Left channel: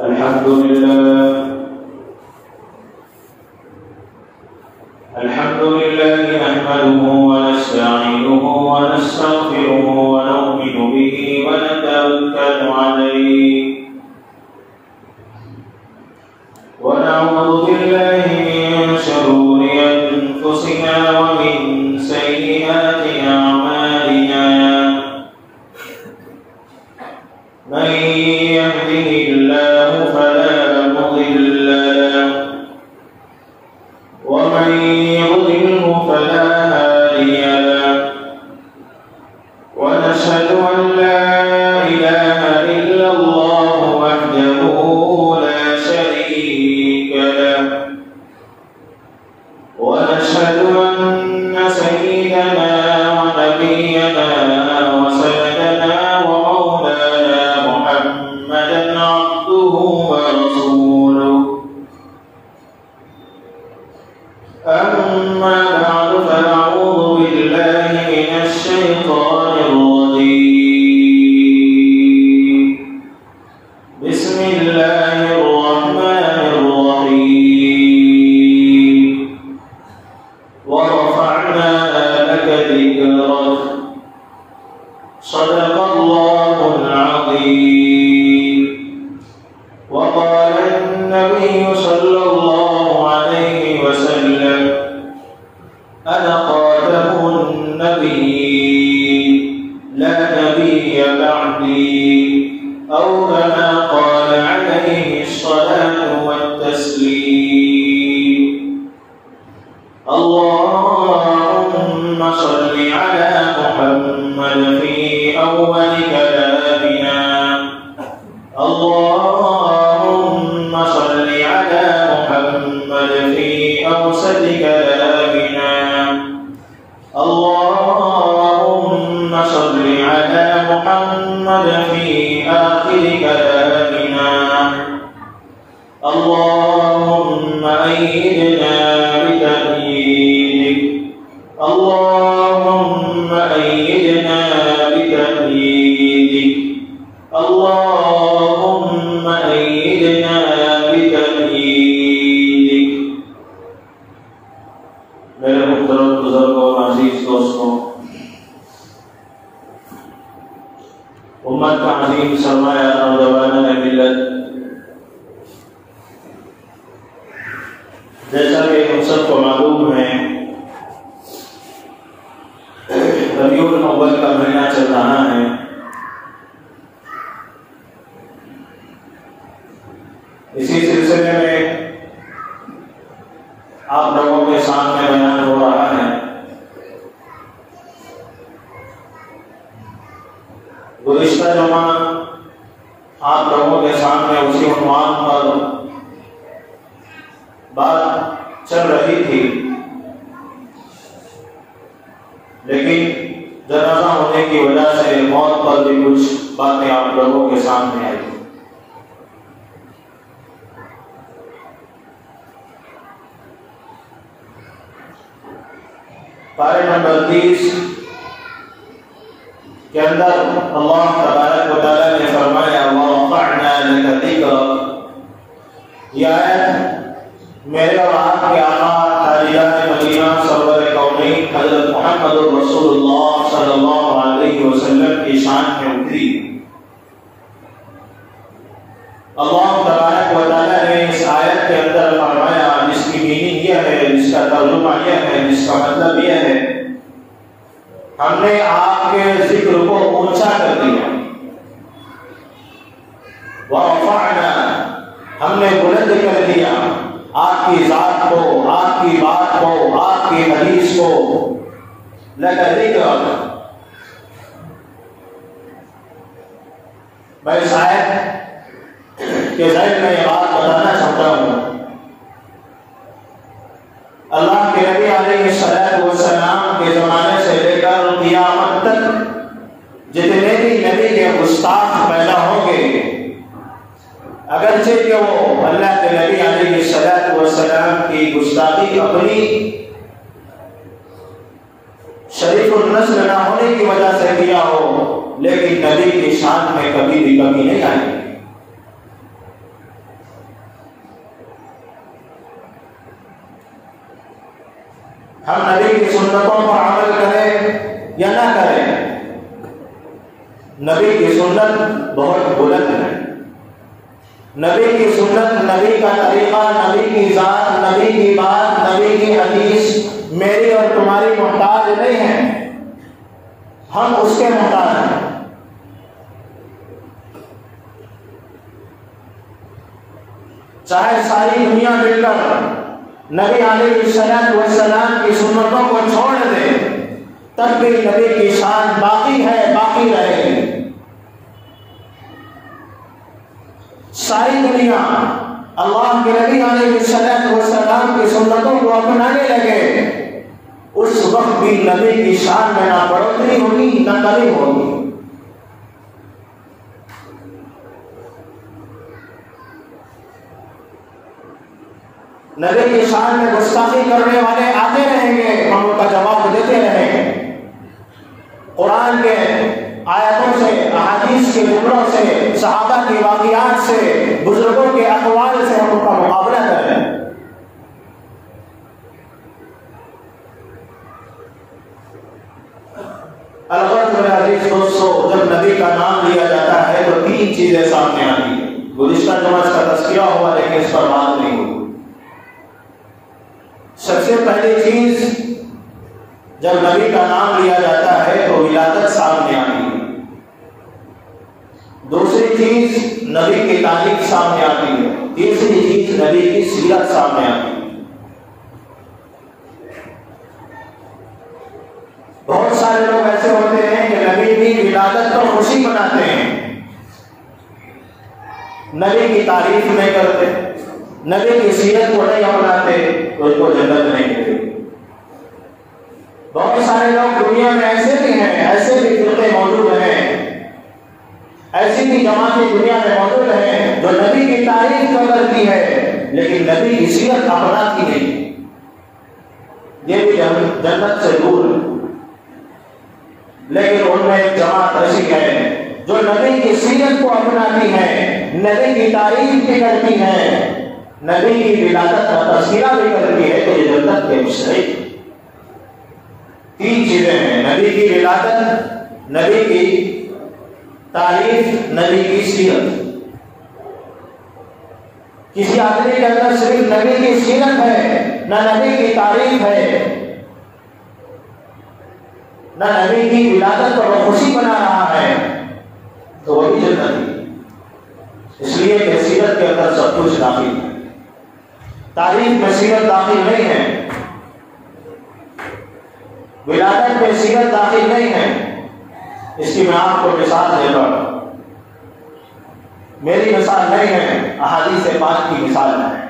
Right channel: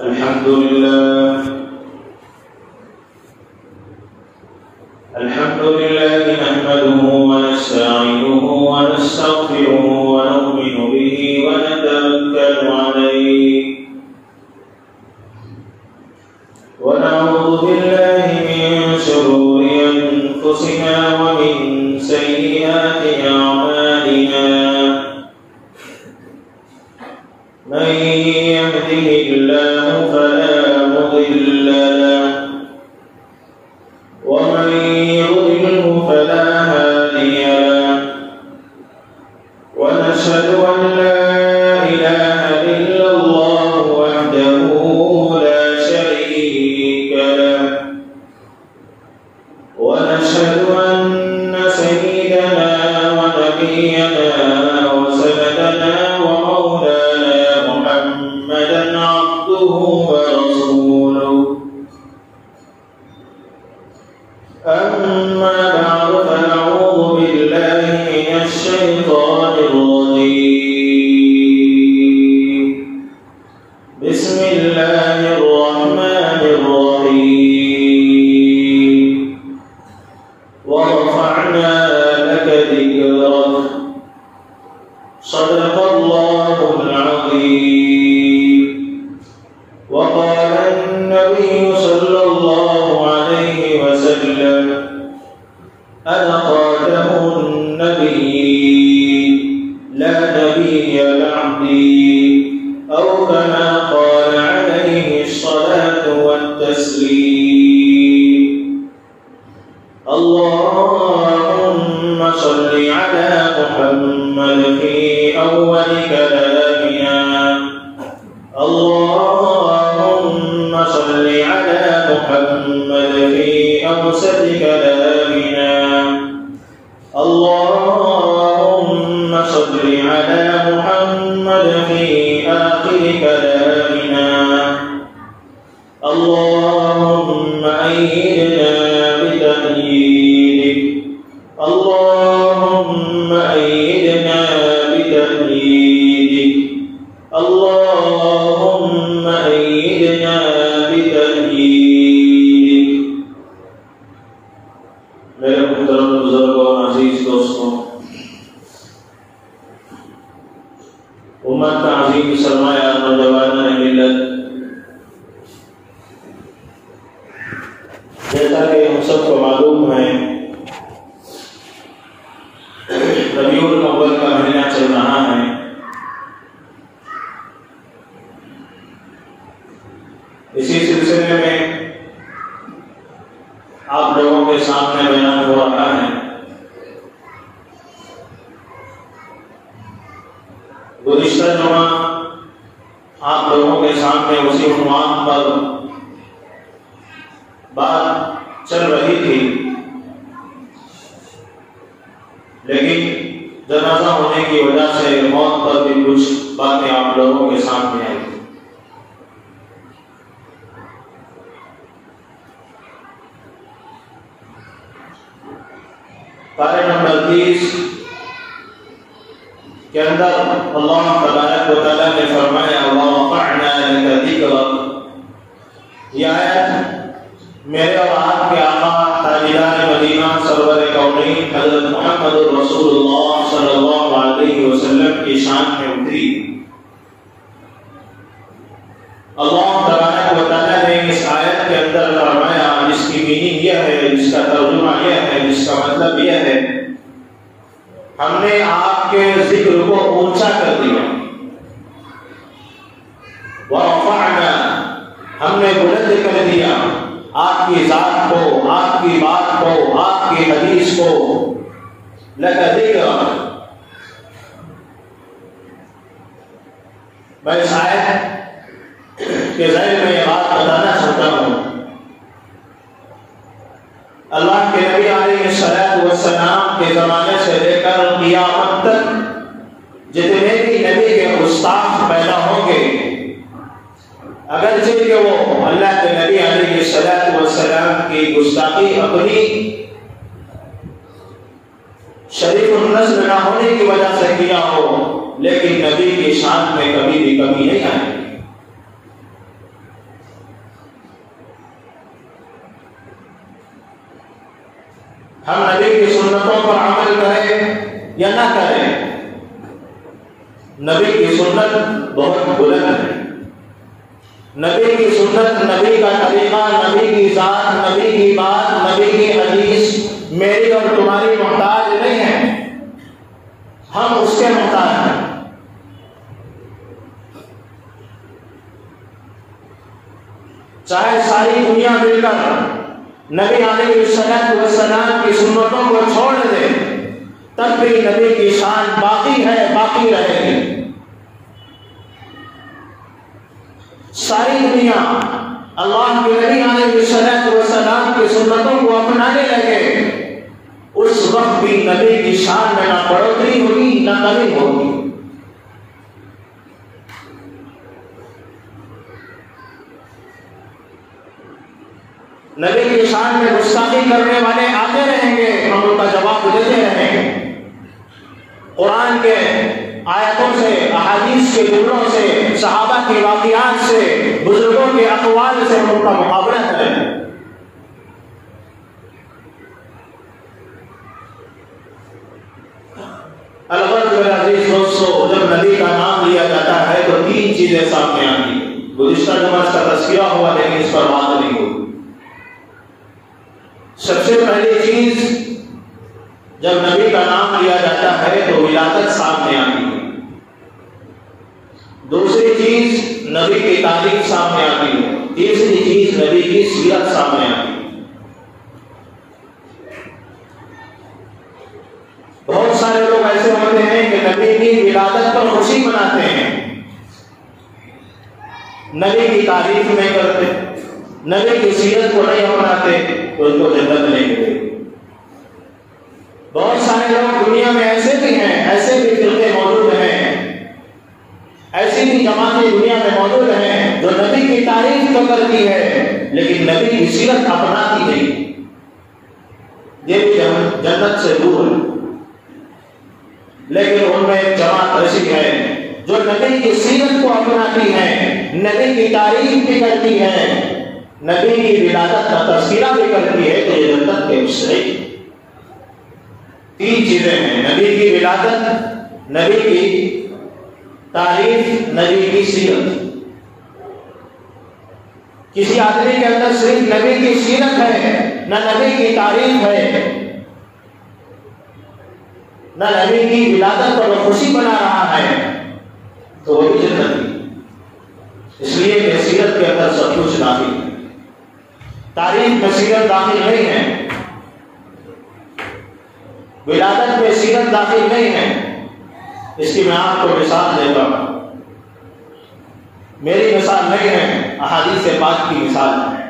الحمد لله نحمده ونستعينه ونستغفره ونؤمن به ونتوكل عليه ونعوذ بالله من شرور أنفسنا ومن سيئات أعمالنا من يهده الله فلا مضل له ومن يضلله فلا هادي له ونشهد أن لا إله إلا الله وحده لا شريك له ونشهد أن سيدنا ونبينا وسندنا ومولانا محمدا عبده ورسوله أما بعد فنعوذ بالله من الشيطان الرجيم بسم الله الرحمن الرحيم ورفعنا لك ذكرك صدق الله العظيم وقال النبي صلى الله عليه وسلم أنا خاتم النبيين لا نبي بعدي أو كما قال عليه الصلاة والتسليم اللهم صل على محمد في أول كلامنا اللهم صل على محمد في أوسط كلامنا اللهم صل على محمد في آخر كلامنا اللهم أيدنا بتأييدك اللهم أيدنا بتأييدك اللهم أيدنا بتأييدك میرے محترم بزرگوں عزیز دوستوں، امت کا عظیم سرمایہ نوجوانان ملت، جیسا کہ ہم سب کو معلوم ہے ربیع الاول کا مہینہ چل رہا ہے۔ اسی سلسلے میں آپ لوگوں کے سامنے بیان ہو رہا ہے۔ گزشتہ جمعہ آپ لوگوں کے سامنے اسی عنوان پر بات چل رہی تھی، لیکن جنازہ ہونے کی وجہ سے موت پر بھی کچھ باتیں آپ لوگوں کے سامنے آئی۔ پارے نمبر 30 کے اندر اللہ تبارک و تعالیٰ نے فرمایا وَرَفَعْنَا لَكَ ذِكْرَكَ، یہ آیت میرے اور آپ کے آقا تاجدار مدینہ سرور کونین حضرت محمد رسول اللہ صلی اللہ علیہ وسلم کی شان میں اتری۔ اللہ تبارک و تعالیٰ نے اس آیت کے اندر فرمایا، جس کی میننگ یہ ہے، جس کا ترجمہ یہ ہے، جس کا مطلب یہ ہے، ہم نے آپ کے ذکر کو اونچا کر دیا۔ وَرَفَعْنَا، ہم نے بلند کر دیا آپ کی ذات کو، آپ کی بات کو، آپ کی حدیث کو۔ لَكَ ذِكْرَكَ، میں اس آیت کے ذیل میں یہ بات بتانا چاہتا ہوں، اللہ کے نبی علیہ السلام کے زمانے سے لے کر قیامت تک جتنے بھی نبی کے گستاخ پیدا ہوں گے، اگرچہ کہ وہ اللہ کے نبی علیہ السلام کی گستاخی اپنی شریف النسل نہ ہونے کی وجہ سے کیا ہو، لیکن نبی کی شان میں کبھی بھی کمی نہیں آئی۔ ہم نبی کی سنتوں پر عمل کریں یا نہ کریں، نبی کی سنت بہت بلند ہے۔ نبی کی سنت، نبی کا طریقہ، نبی کی ذات، نبی کی بات، نبی کی حدیث میری اور تمہاری محتاج نہیں ہے، ہم اس کے محتاج ہیں۔ چاہے ساری دنیا مل کر نبی علیہ السلام کی سنتوں کو چھوڑ دے، تب بھی نبی کی شان باقی ہے، باقی رہے گی۔ ساری دنیا اللہ کے نبی علیہ السلام کی سنتوں کو اپنانے لگے، اس وقت بھی نبی کی شان میں نہ بڑھوتری ہوگی نہ کمی ہوگی۔ نبی کی شان میں گستاخی کرنے والے آتے رہیں گے، ہم ان کا جواب دیتے رہیں گے۔ قرآن کے آیتوں سے، احادیث کے جملوں سے، صحابہ کے واقعات سے، بزرگوں کے اقوال سے ہم ان کا مقابلہ کریں۔ البتہ میرے عزیز دوستو، جب نبی کا نام لیا جاتا ہے تو تین چیزیں سامنے آتی ہیں۔ گزشتہ جمعہ اس کا تذکرہ ہوا لیکن اس پر بات نہیں ہوئی۔ سب سے پہلی چیز، جب نبی کا نام لیا جاتا ہے تو ولادت سامنے آتی ہے۔ دوسری چیز، نبی کی تعریف سامنے آتی ہے۔ تیسری چیز، نبی کی سیرت سامنے آتی ہے۔ بہت سارے لوگ ایسے ہوتے ہیں کہ نبی کی ولادت پر خوشی مناتے ہیں، نبی کی تعریف نہیں کرتے، نبی کی سیرت کو نہیں اپناتے تو ان کو جنت نہیں ملے گی۔ بہت سارے لوگ دنیا میں ایسے بھی ہیں، ایسے بھی فرقے موجود ہیں، ایسی بھی جماعتیں دنیا میں موجود ہیں جو نبی کی تعریف تو کرتی ہے لیکن نبی کی سیرت اپناتی نہیں، یہ بھی جنت سے دور ہے۔ لیکن ان میں ایک جماعت ایسی ہے جو نبی کی سیرت کو اپناتی ہے، نبی کی تعریف بھی کرتی ہے، نبی کی ولادت کا تذکرہ بھی کرتی ہے، تو یہ جنت کے مستحق۔ تین چیزیں ہیں، نبی کی ولادت، نبی کی تعریف، نبی کی سیرت۔ کسی آدمی کے اندر صرف نبی کی سیرت ہے، نہ نبی کی تعریف ہے، نہ نبی کی ولادت پر وہ خوشی بنا رہا ہے، تو وہ بھی جنت ہے۔ اس لیے کہ سیرت کے اندر سب کچھ داخل ہے، تعریف میں سیرت داخل نہیں ہے، ولادت میں سیرت داخل نہیں ہے۔ اس کی میں آپ کو مثال دیتا ہوں، میری مثال نہیں ہے، احادیث پاک کی مثال ہے۔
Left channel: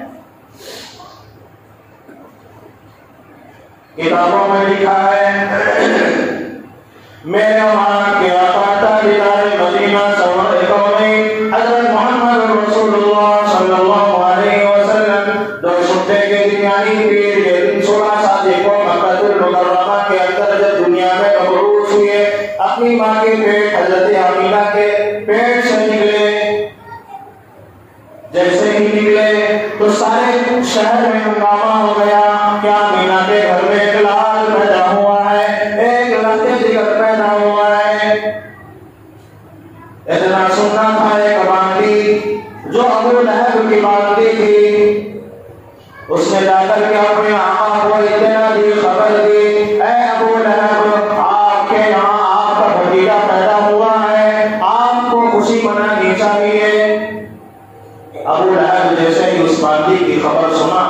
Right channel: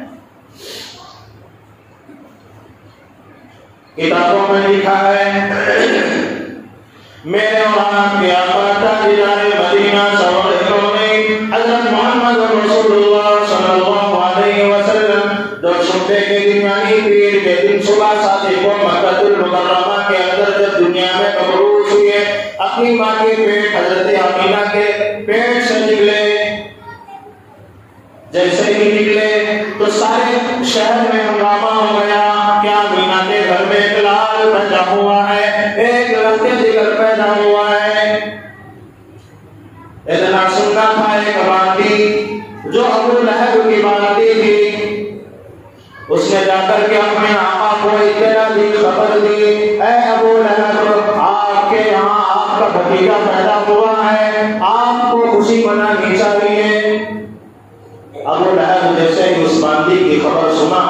کتابوں میں لکھا ہے، میرے وہاں کے آقا تاجدار مدینہ سرور کونین حضرت محمد رسول اللہ صلی اللہ علیہ وسلم روز ہفتے کے درمیانی پیر کے دن 16 شادی کو مکہ المکرمہ کے اندر جب دنیا میں مبعوث ہوئے، اپنی ماں کے پیٹ حضرت آمینہ کے پیٹ سے نکلے۔ جیسے ہی نکلے تو سارے شہر میں ہنگامہ ہو گیا کہ آمینہ کے گھر میں ایک لال پیدا ہوا ہے، ایک لڑکے جگر پیدا ہوا ہے۔ اتنا سننا تھا ایک باندھی جو ابو لہب کی باندھی تھی، اس نے جا کر کے اپنے آقا کو اطلاع دی، خبر دی، اے ابو لہب، آپ کے یہاں آپ کا بھتیجا پیدا ہوا ہے، آپ کو خوشی منانی چاہیے۔ ابو لہب جیسے ہی اس باندھی کی خبر سنا،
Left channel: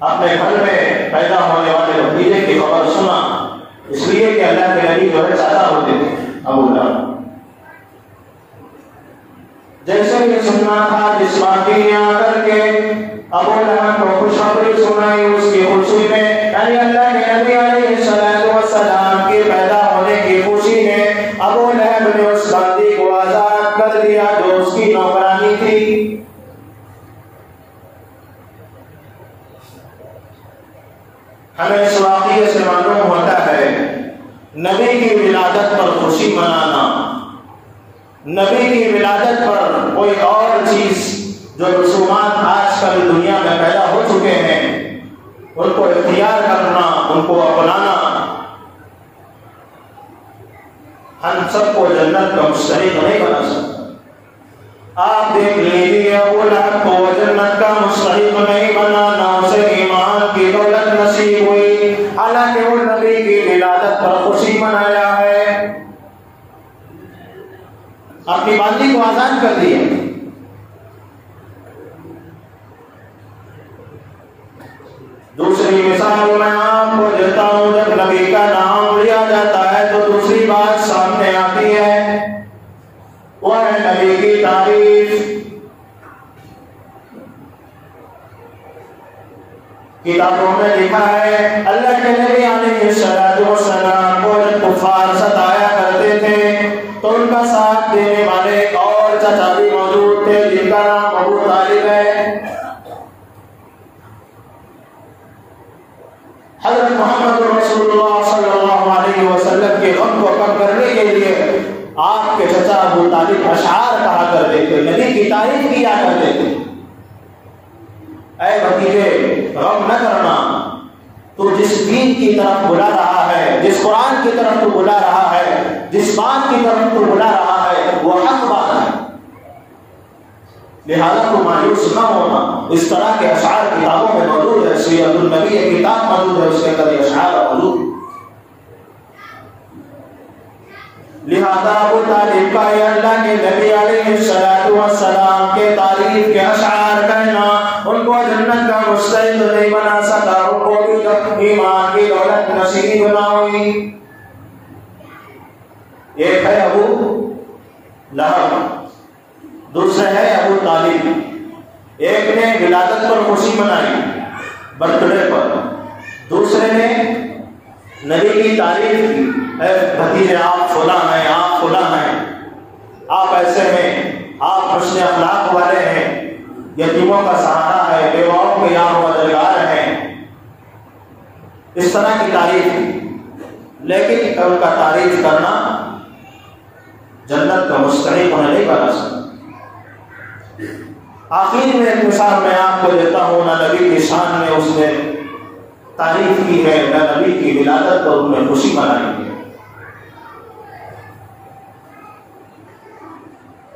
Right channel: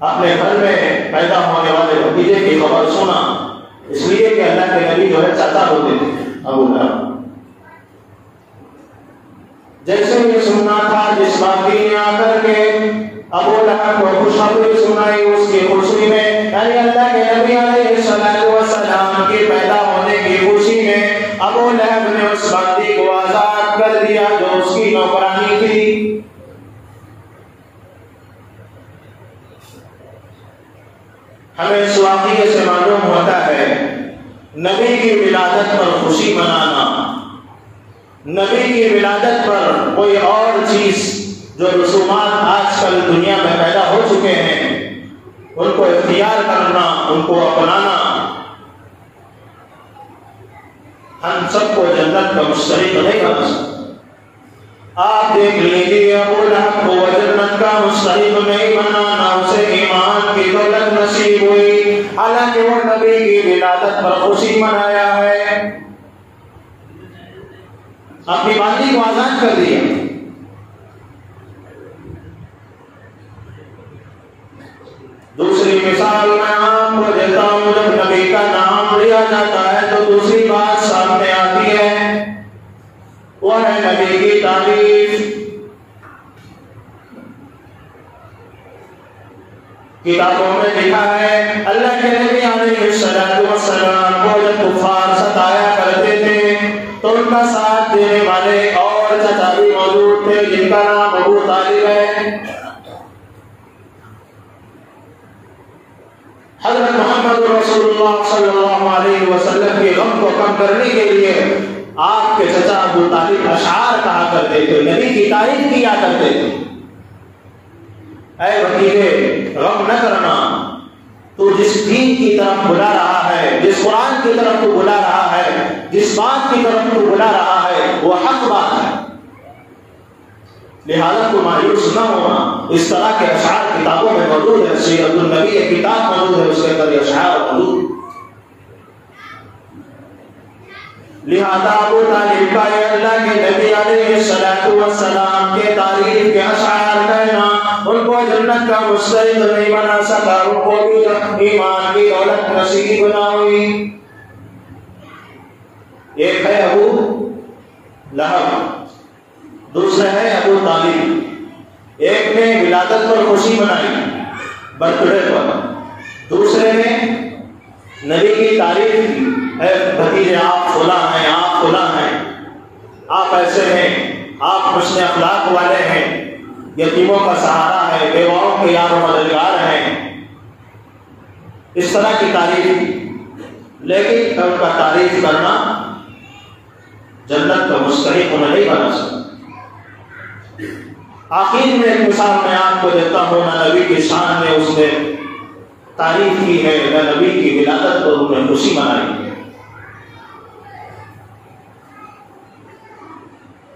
اپنے گھر میں پیدا ہونے والے بھتیجے کی خبر سنا، اس لیے کہ اللہ کے نبی جو ہے چاچا ہوتے تھے ابو لہب، جیسے یہ سننا تھا جس باندھی نے آ کر کے ابو لہب کو خوشخبری سنائی، اس کی خوشی میں یعنی اللہ کے نبی علیہ السلام کے پیدا ہونے کی خوشی میں ابو لہب نے اس باندھی کو آزاد کر دیا جو اس کی نوکرانی تھی۔ ہمیں اس واقعے سے معلوم ہوتا ہے نبی کی ولادت پر خوشی منانا، نبی کی ولادت پر کوئی اور چیز جو رسومات آج کل دنیا میں پیدا ہو چکے ہیں ان کو اختیار کرنا، ان کو اپنانا، ہم سب کو جنت کا مستحق نہیں بنا سکتا۔ آپ دیکھ لیجیے ابو لہب کو جنت کا مستحق نہیں بنا، نہ اسے ایمان کی دولت نصیب ہوئی، حالانکہ وہ نبی کی ولادت پر خوشی منایا ہے، اپنی باندھی کو آزاد کر دیا۔ دوسری مثال میں آپ کو دیتا ہوں، جب نبی کا نام لیا جاتا ہے تو دوسری بات سامنے آتی ہے، وہ ہے نبی کی تعریف۔ کتابوں میں لکھا ہے اللہ کے نبی علیہ السلام کو جب کفار ستایا کرتے تھے تو ان کا ساتھ دینے والے ایک اور چچا بھی موجود تھے جن کا نام ابو طالب ہے۔ حضرت محمد رسول اللہ صلی اللہ علیہ وسلم کے غم کو کم کرنے کے لیے آپ کے چچا ابو طالب اشعار کہا کرتے تھے، نبی کی تعریف کیا کرتے تھے۔ اے بھتیجے، غم نہ کرنا، تو جس دین کی طرف بلا رہا ہے، جس قرآن کی طرف تو بلا رہا ہے، جس بات کی طرف تو بلا رہا ہے وہ حق بات ہے، لہذا تو مایوس نہ ہونا۔ اس طرح کے اشعار کتابوں میں موجود ہے، سیرت النبی ایک کتاب موجود ہے، اس کے اندر اشعار موجود۔ لہذا ابو طالب کا اللہ کے نبی علیہ السلام کے تعریف کے اشعار کہنا ان کو جنت کا مستحق نہیں بنا سکا، ان کو بھی ایمان کی دولت نصیب نہ ہوئی۔ ایک ہے ابو لہب، دوسرا ہے ابو طالب۔ ایک نے ولادت پر خوشی منائی، برتھ ڈے پر، دوسرے نے نبی کی تعریف کی، اے بھتیجے آپ فلاں ہیں، آپ فلاں ہیں، آپ ایسے ہیں، آپ حسن اخلاق والے ہیں، یتیموں کا سہارا ہے، بیواؤں کے یار و مددگار ہیں، اس طرح کی تعریف۔ لیکن ان کا تعریف کرنا جنت کا مستحق انہیں نہیں بنا سکتا۔ آخر میں ایک مثال میں آپ کو دیتا ہوں، نہ نبی کی شان میں اس نے تعریف کی ہے، نہ نبی کی ولادت پر انہوں نے خوشی منائی ہے۔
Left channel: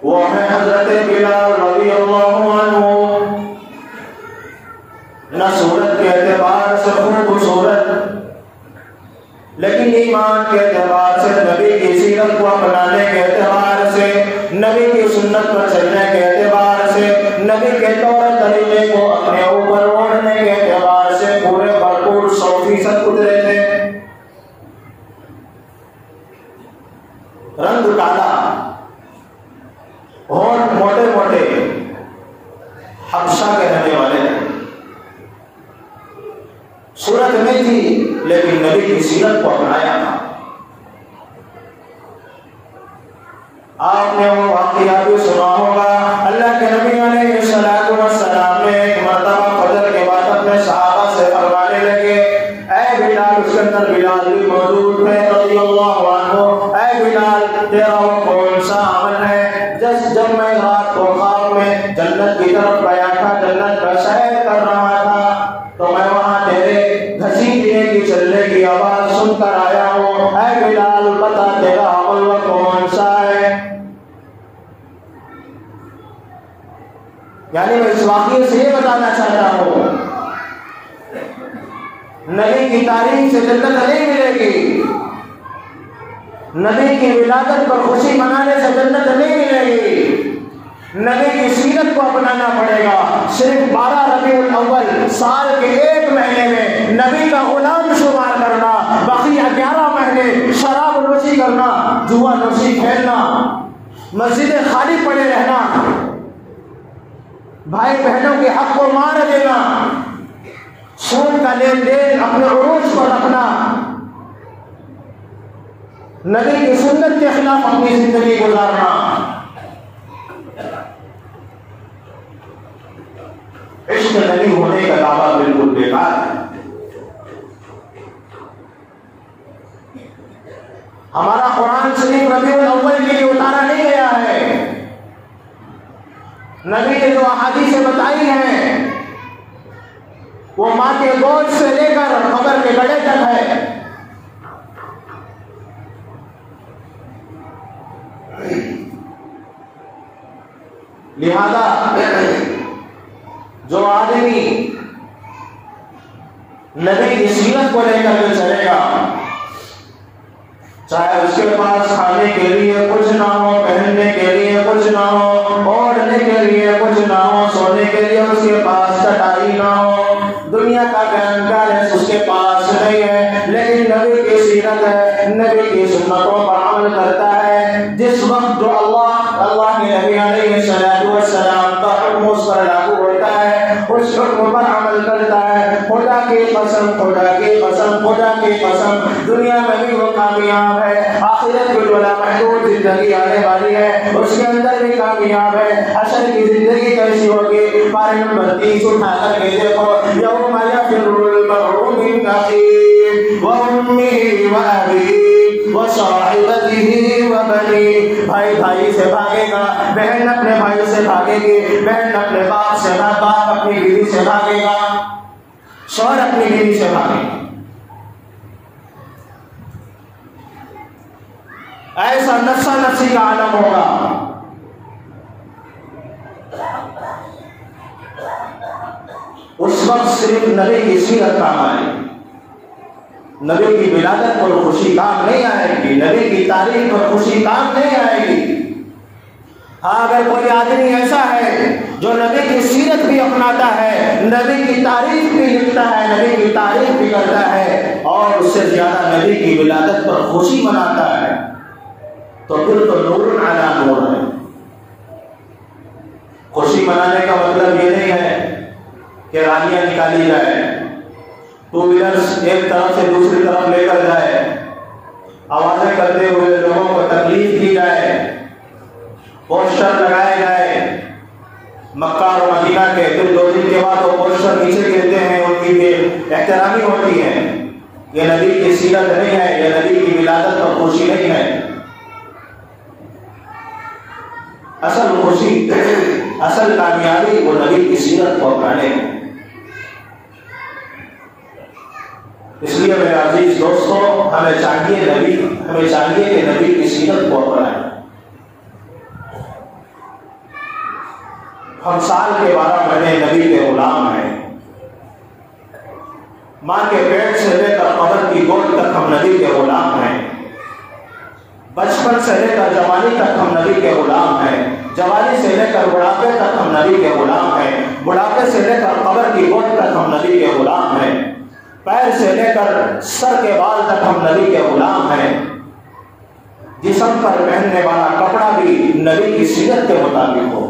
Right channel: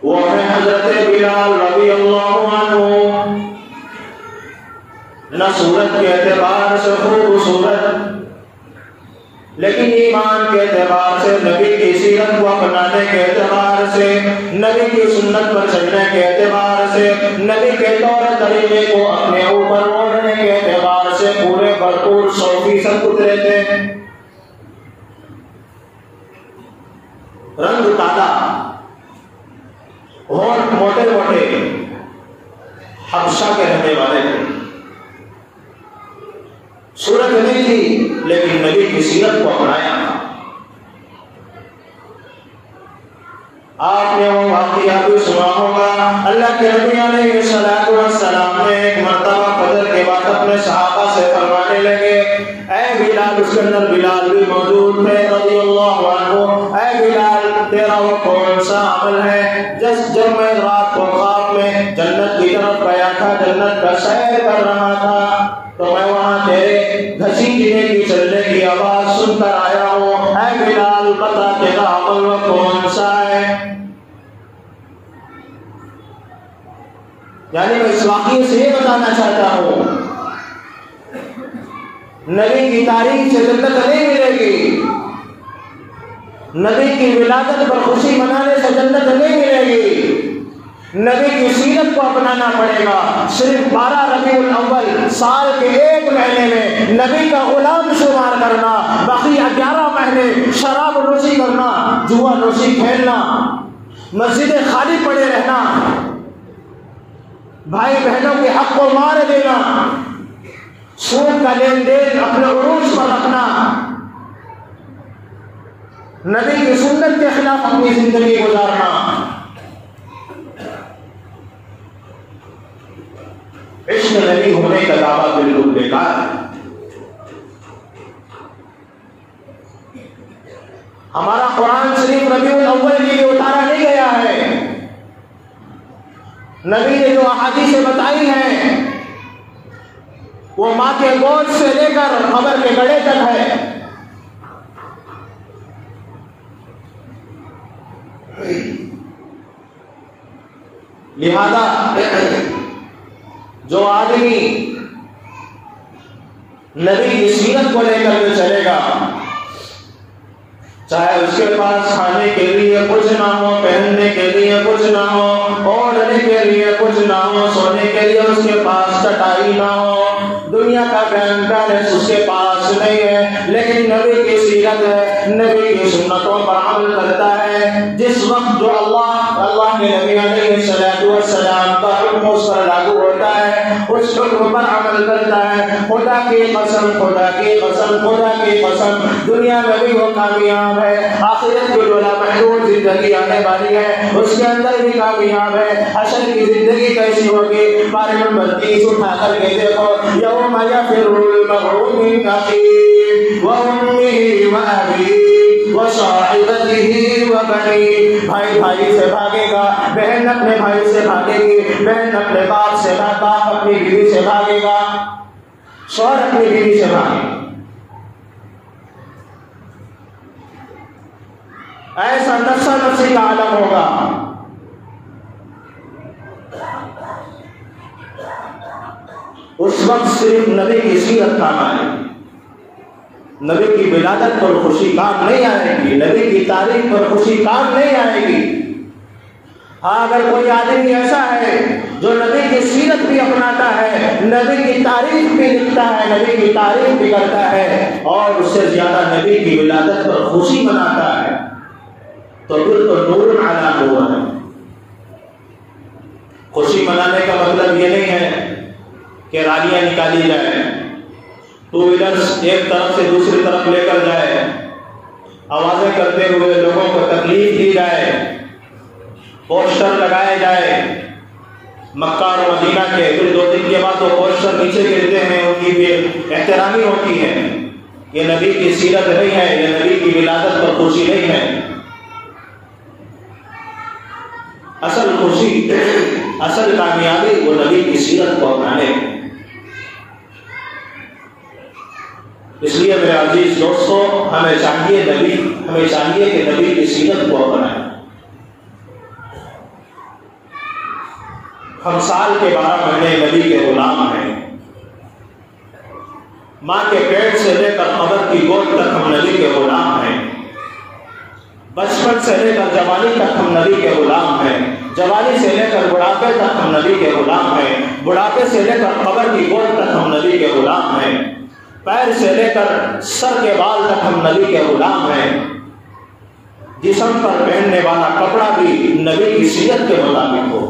وہ ہے حضرت بلال رضی اللہ عنہ، نہ صورت کے اعتبار سے خوبصورت، لیکن ایمان کے اعتبار سے، نبی کی سیرت کو اپنانے کے اعتبار سے، نبی کی سنت پر چلنے کے اعتبار سے، نبی کے طور طریقے کو اپنے اوپر اوڑھنے کے اعتبار سے پورے بھرپور 100% اترے تھے۔ رنگ کالا، ہونٹ موٹے موٹے، حبشہ کے رہنے والے تھے، صورت نہیں تھی لیکن نبی کی سیرت کو اپنایا۔ آپ نے وہ واقعہ بھی سنا ہوگا، اللہ کے نبی علیہ السلام نے ایک مرتبہ فجر کے بعد اپنے صحابہ سے فرمانے لگے، اے بلال، اس کے اندر بلال بھی موجود تھے رضی اللہ عنہ، اے بلال تیرا وہ کون سا عمل ہے جب میں رات کو خواب میں جنت کی طرف گیا تھا، جنت کا سیر کر رہا تھا، تو میں وہاں تیرے گھسیٹنے کی چلنے کی آواز سن کر آیا ہوں، اے بلال بتا تیرا عمل وہ کون سا ہے؟ یعنی میں اس واقعے سے یہ بتانا چاہتا ہوں، نبی کی تعریف سے جنت نہیں ملے گی، نبی کی ولادت پر خوشی منانے سے جنت نہیں ملے گی، نبی کی سیرت کو اپنانا پڑے گا۔ صرف 12 ربیع الاول سال کے ایک مہینے میں نبی کا غلام شمار کرنا، باقی 11 مہینے شراب نوشی کرنا، جوا نوشی کھیلنا، مسجدیں خالی پڑے رہنا، بھائی بہنوں کے حق کو مار دینا، سود کا لین دین اپنے عروج پر رکھنا، نبی کی سنت کے خلاف اپنی زندگی گزارنا، عشق نبی ہونے کا دعویٰ بالکل بیکار ہے۔ ہمارا قرآن شریف ربیع الاول کے لیے اتارا نہیں گیا ہے، نبی نے جو احادیث بتائی ہیں وہ ماں کے گود سے لے کر قبر کے گڑھے تک ہے۔ لہذا جو آدمی نبی کی سیرت کو لے کر کے چلے گا، چاہے اس کے پاس کھانے کے لیے کچھ نہ ہو، پہننے کے لیے کچھ نہ ہو، اوڑھنے کے لیے کچھ نہ ہو، سونے کے لیے اس کے پاس چٹائی نہ ہو، دنیا کا بیلنس اس کے پاس نہیں ہے، لیکن نبی کی سیرت ہے، نبی کی سنتوں پر عمل کرتا ہے، جس وقت جو اللہ کے نبی علیہ السلام کا حکم اس پر لاگو ہوتا ہے، اس حکم پر عمل کرتا ہے، خدا کی قسم، خدا کی قسم، خدا کی قسم، دنیا میں بھی وہ کامیاب ہے، آخرت کی جو لامحدود زندگی آنے والی ہے اس کے اندر بھی کامیاب ہے۔ حشر کی زندگی کیسی ہوگی؟ پارے نمبر 30 اٹھا کر کے دیکھو، یوم یفر المرء من اخیہ وامہ وابیہ وصاحبتہ وبنیہ، بھائی بھائی سے بھاگے گا، بہن اپنے بھائی سے بھاگے گی، بہن اپنے باپ سے، باپ اپنی بیوی سے بھاگے گا، شوہر اپنی بیوی سے بھاگے گا۔ ایسا نفسا نفسی کا عالم ہوگا۔ اس وقت صرف نبی کی سیرت کام آئے گی، نبی کی ولادت پر خوشی کام نہیں آئے گی، نبی کی تاریخ پر خوشی کام نہیں آئے گی۔ ہاں اگر کوئی آدمی ایسا ہے جو نبی کی سیرت بھی اپناتا ہے، نبی کی تاریخ بھی لکھتا ہے، نبی کی تعریف بھی کرتا ہے، اور اس سے زیادہ نبی کی ولادت پر خوشی مناتا ہے، تو پھر تو نور علی نور ہے۔ خوشی منانے کا مطلب یہ نہیں ہے کہ رالیاں نکالی جائے، ٹو ویلرز ایک طرف سے دوسری طرف لے کر جائے، آوازیں کرتے ہوئے لوگوں کو تکلیف دی جائے، پوسٹر لگائے جائے مکہ اور مدینہ کے، پھر 2 دن کے بعد وہ پوسٹر نیچے گرتے ہیں، ان کی بھی احترامی ہوتی ہے۔ یہ نبی کی سیرت نہیں ہے، یہ نبی کی ولادت پر خوشی نہیں ہے۔ اصل خوشی، اصل کامیابی وہ نبی کی سیرت کو اپنانے میں۔ اس لیے میرے عزیز دوستو، ہمیں چاہیے کہ نبی کی سیرت کو اپنائیں۔ ہم سال کے 12 مہینے نبی کے غلام ہیں، ماں کے پیٹ سے لے کر قبر کی گود تک ہم نبی کے غلام ہیں، بچپن سے لے کر جوانی تک ہم نبی کے غلام ہیں، جوانی سے لے کر بڑھاپے تک ہم نبی کے غلام ہیں، بڑھاپے سے لے کر قبر کی گود تک ہم نبی کے غلام ہیں، پیر سے لے کر سر کے بال تک ہم نبی کے غلام ہیں۔ جسم پر پہننے والا کپڑا بھی نبی کی سیرت کے مطابق ہو،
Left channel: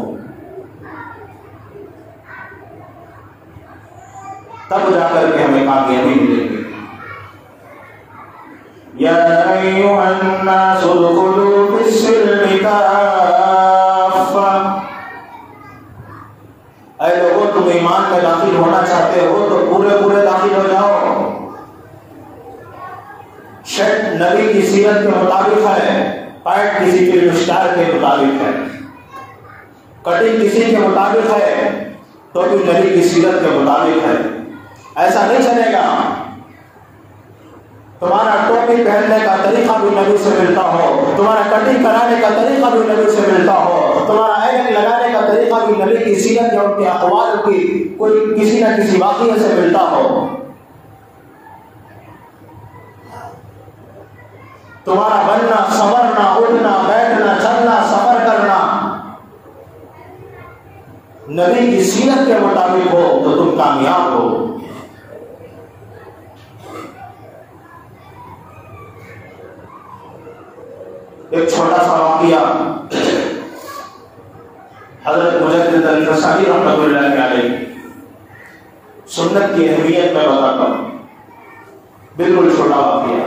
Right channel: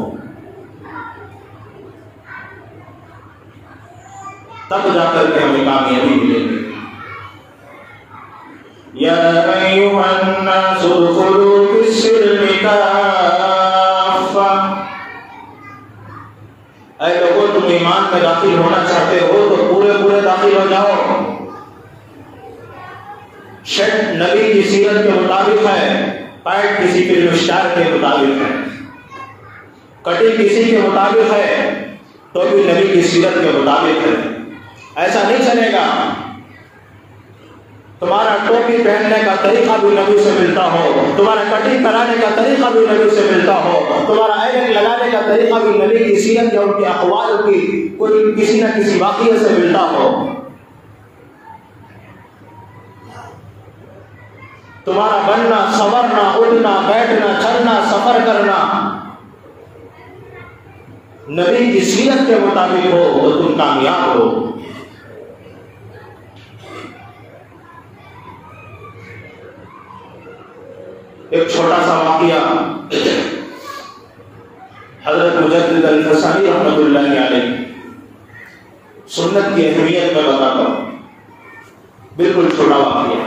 تب جا کر کے ہمیں کامیابی ملے گی۔ یا ایھا الناس ادخلوا فی السلم کافہ، اے لوگوں تم ایمان میں داخل ہونا چاہتے ہو تو پورے داخل ہو جاؤ۔ شرط نبی کی سیرت کے مطابق ہے، پینٹ کسی فلم اسٹار کے مطابق ہے، کٹنگ کسی کے مطابق ہے، تو بھی نبی کی سیرت کے مطابق ہے۔ ایسا نہیں چلے گا تمہارا ٹوپی پہننے کا طریقہ بھی نبی سے ملتا ہو، تمہارا کٹنگ کرانے کا طریقہ بھی نبی سے ملتا ہو، تمہارا ایلک لگانے کا طریقہ بھی نبی کی سیرت یا ان کے اقوال کی کوئی کسی نہ کسی واقعے سے ملتا ہو۔ تمہارا بننا، سنورنا، اٹھنا، بیٹھنا، چلنا، سفر کرنا نبی کی سیرت کے مطابق ہو تو تم کامیاب ہو۔ ایک چھوٹا سا واقعہ حضرت مجدد الفسانی رحمۃ اللہ علیہ سنت کی اہمیت میں بتاتا ہوں، بالکل چھوٹا واقعہ۔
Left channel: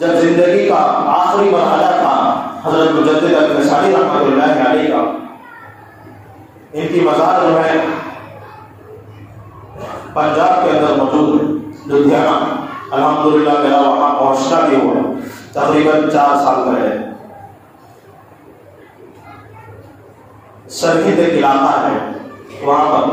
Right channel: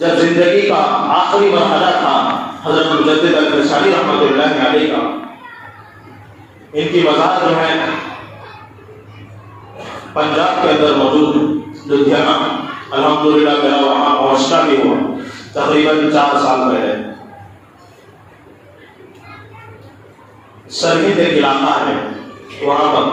جب زندگی کا آخری مرحلہ تھا حضرت مجدد الفسانی رحمۃ اللہ علیہ کا، ان کی مزار جو ہے پنجاب کے اندر موجود لدھیانہ، الحمدللہ میرا وہاں پہنچنا بھی ہوا تقریباً 4 سال پہلے۔ سرحد ایک علاقہ ہے وہاں پر